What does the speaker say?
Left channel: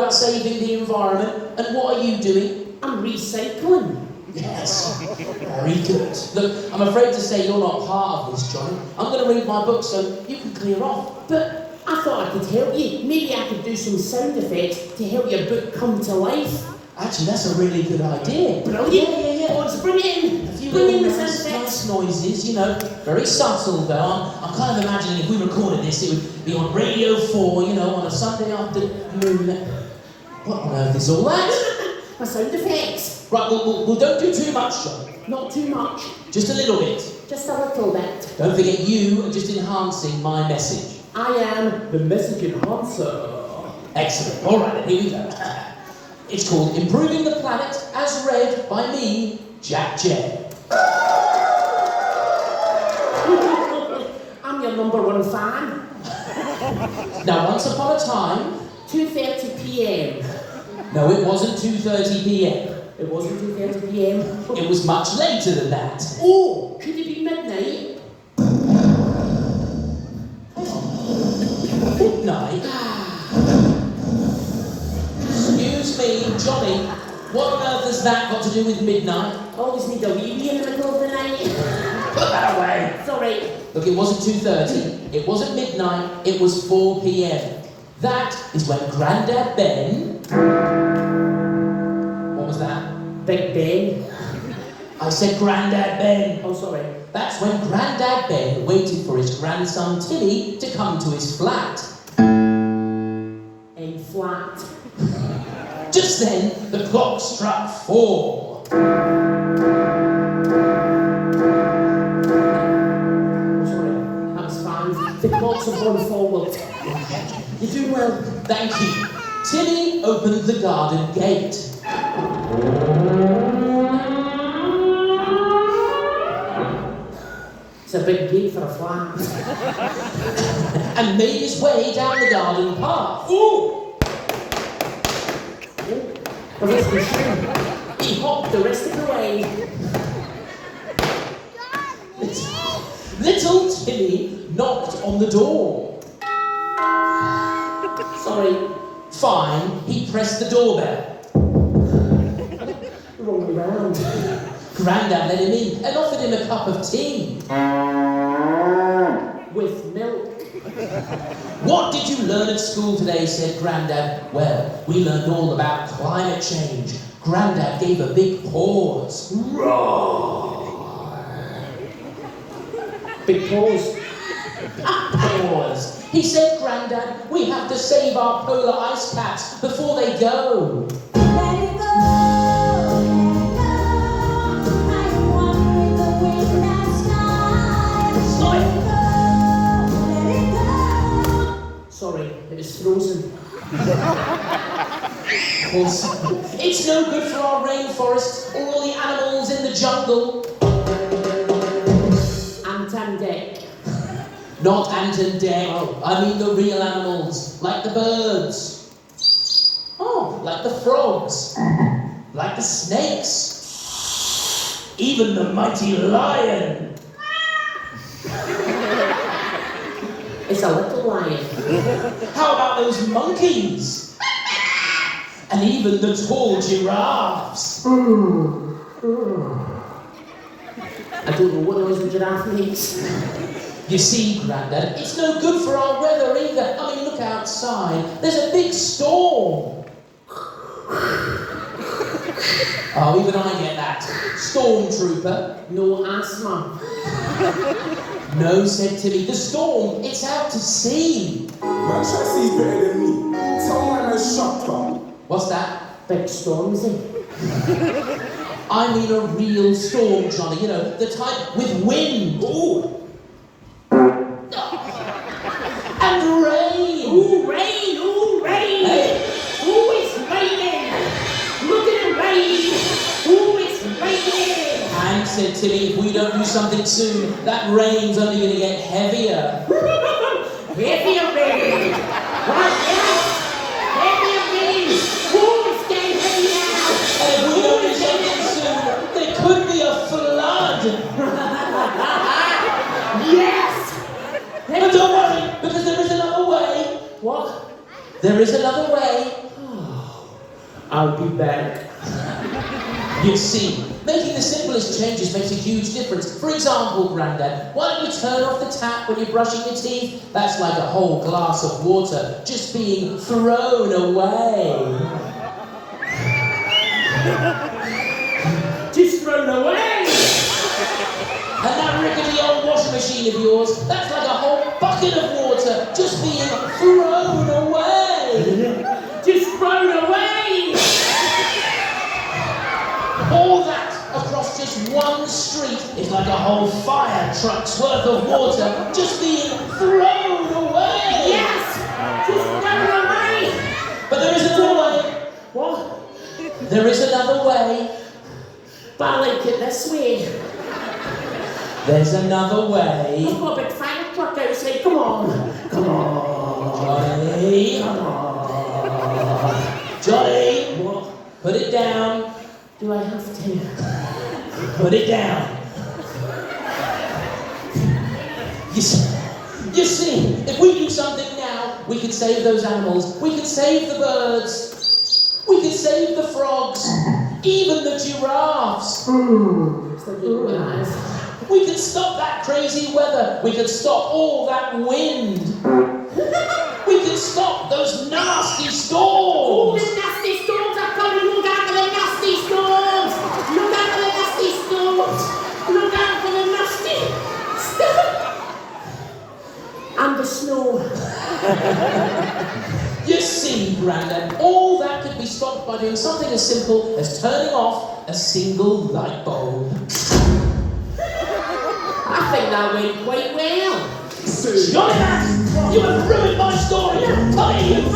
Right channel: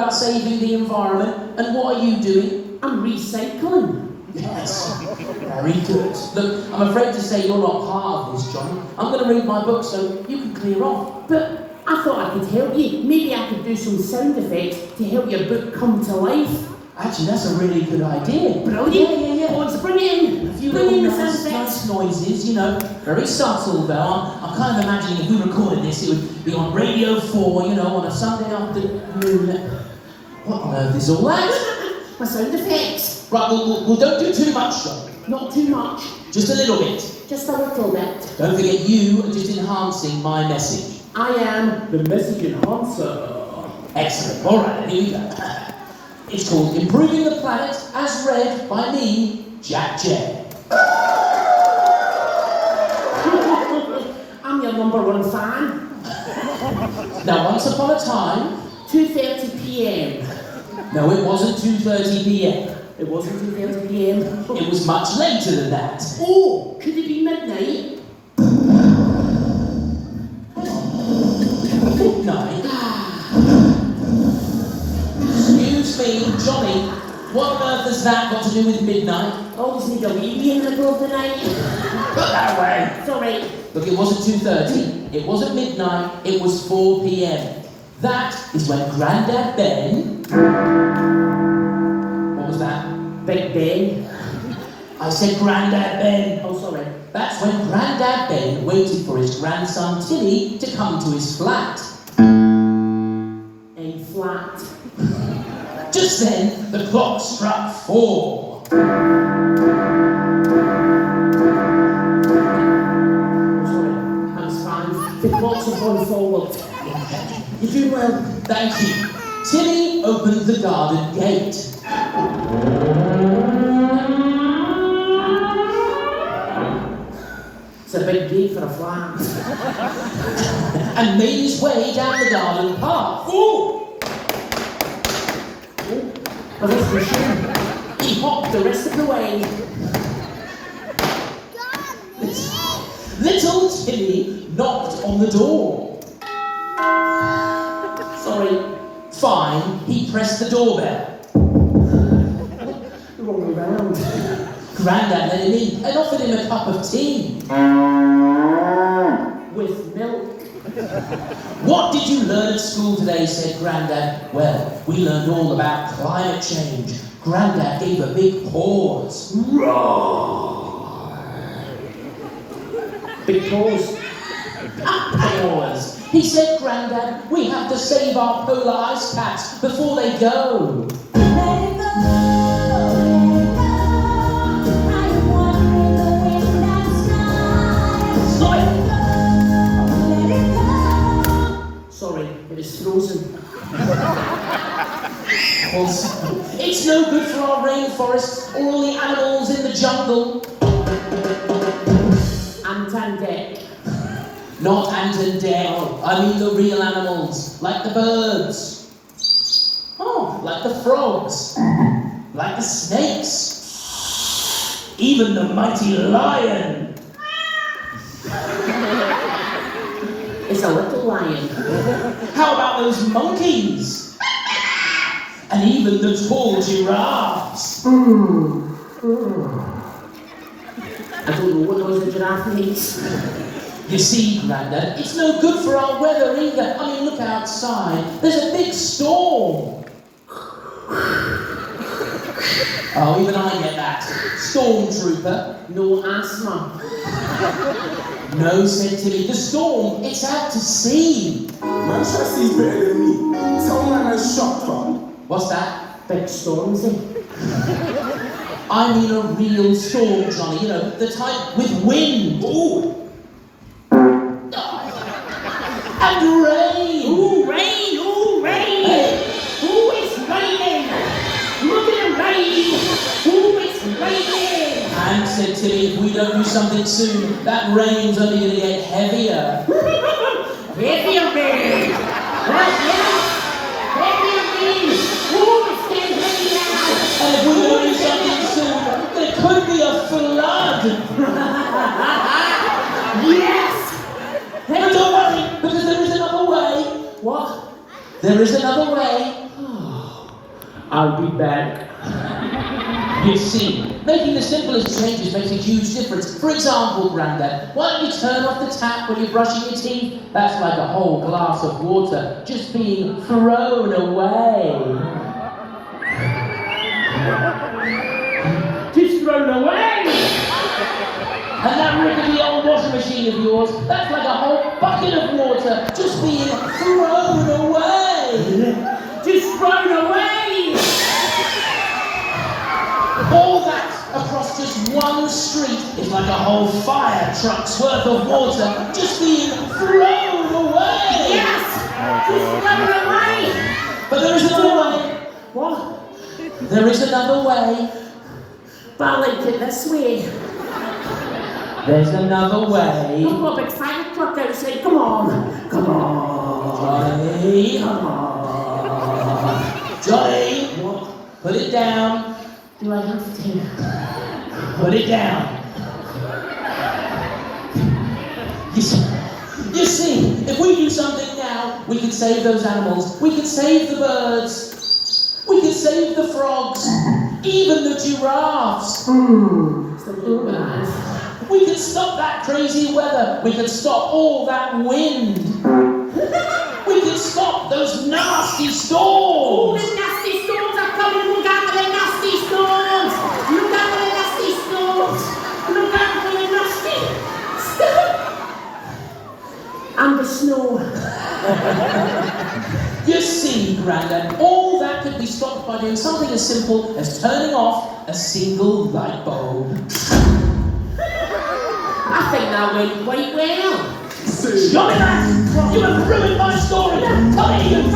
about saving the environment, and what are you doing? I'm recycling. Yes, very good. Look, I'm afraid to say you're not part of this, Johnny. I'm going to read my book so you can clear off. But I thought I could help you. Maybe I could do some sound effects to help your book come to life. Actually, that's a really good idea. Brilliant. Yeah. Let's bring it in. A few Bring in the little sound effects. nice noises, you know, very subtle though. I'm kind of imagining if we recorded this, it would be on Radio 4, you know, on a Sunday afternoon. What on earth is all that? My sound effects. Right, well, don't do too much, John. Not too much. Just a little bit. Just a little bit. Don't forget you are just enhancing my message. I am the message enhancer. Excellent. All right, then, here we go. It's called Improving the Planet, as read by me, Jack J. I'm your #1 fan. Now, once upon a time, 2:30 p.m. no, it wasn't 2:30 p.m. It wasn't 2:30 p.m. It was much later than that. Oh, could it be midnight? Midnight? Excuse me, Johnny, what on earth has that got to do with midnight? Always need a wee in the middle of the night. That way. It's alright. Look, it wasn't 2:30, it wasn't midnight, it was 4 p.m. That is when Grandad Ben... What was that? Big Ben. I said Grandad Ben. Oh, sorry. That's when Grandad Ben waited for his grandson Tilly to come to his flat. A flat. Just then, the clock struck 4. Oh, sorry. That was fine. The clocks have gone forward. You're doing well. Thank you. Tilly opened the garden gate. It's a big gate for a flat. And made his way down the garden path. Oh! The rest of the shoe. He hopped the rest of the way. Little Tilly knocked on the door. Sorry. Fine, he pressed the doorbell. Wrong way round. Grandad let him in and offered him a cup of tea. With milk. What did you learn at school today, said Grandad. Well, we learned all about climate change. Grandad gave a big pause. Big pause. Pause. He said, Grandad, we have to save our polar ice caps before they go. Sorry, it was frozen. It's no good for our rainforests or all the animals in the jungle. Ant and Dec. Not Ant and Dale. I mean the real animals, like the birds. Oh, like the frogs. Like the snakes. Even the mighty lion. It's a little lion. How about those monkeys? And even the tall giraffes. I don't know what noise a giraffe makes. You see, Grandad, it's no good for our weather either. I mean, look outside. There's a big storm. Oh, even I get that. Stormtrooper. No asthma. No, said Tilly. The storm, it's out to sea. Man, Chelsea's better than me. Tell man that's shot, man. What's that? Big Stormzy. I mean a real storm, Johnny. You know, the type with wind. Ooh. And rain. Ooh, rain! Ooh, rain! Ooh, it's raining! Look at the rain! Ooh, it's raining! And said Tilly, if we don't do something soon, that rain's only going to get heavier. Heavier rain! Right, yes! Heavier rain! Ooh, it's getting heavier! And if we don't do something soon, there could be a flood. Yes! But don't worry, because there is another way. What? There is another way. bed. You see, making the simplest changes makes a huge difference. For example, Grandad, why don't you turn off the tap when you're brushing your teeth? That's like a whole glass of water just being thrown away. Just thrown away. And that rickety old washing machine of yours, that's like a whole bucket of water just being thrown away. Just thrown away. All that across just one street is like a whole fire truck's worth of water just being thrown away. Yes. Just thrown away. But there is another way. What? There is another way. But I like it this way. There's another way. I've got a big fire truck outside. Come on. Come on. Johnny. Come on. Johnny. What? Put it down. Do I have to? Put it down. You see, if we do something now, we can save those animals. We can save the birds. We can save the frogs. Even the giraffes. We can stop that crazy weather. We can stop all that wind. We can stop those nasty Oh, storms. the nasty storms are coming. Look out for the nasty storms. Look out for the nasty storms. Look out for the nasty storms. And the snow. You see, Grandad, all that could be stopped by doing something as simple as turning off a single light bulb. I think that went quite well. Say, Johnny, you have ruined my story! Come here, you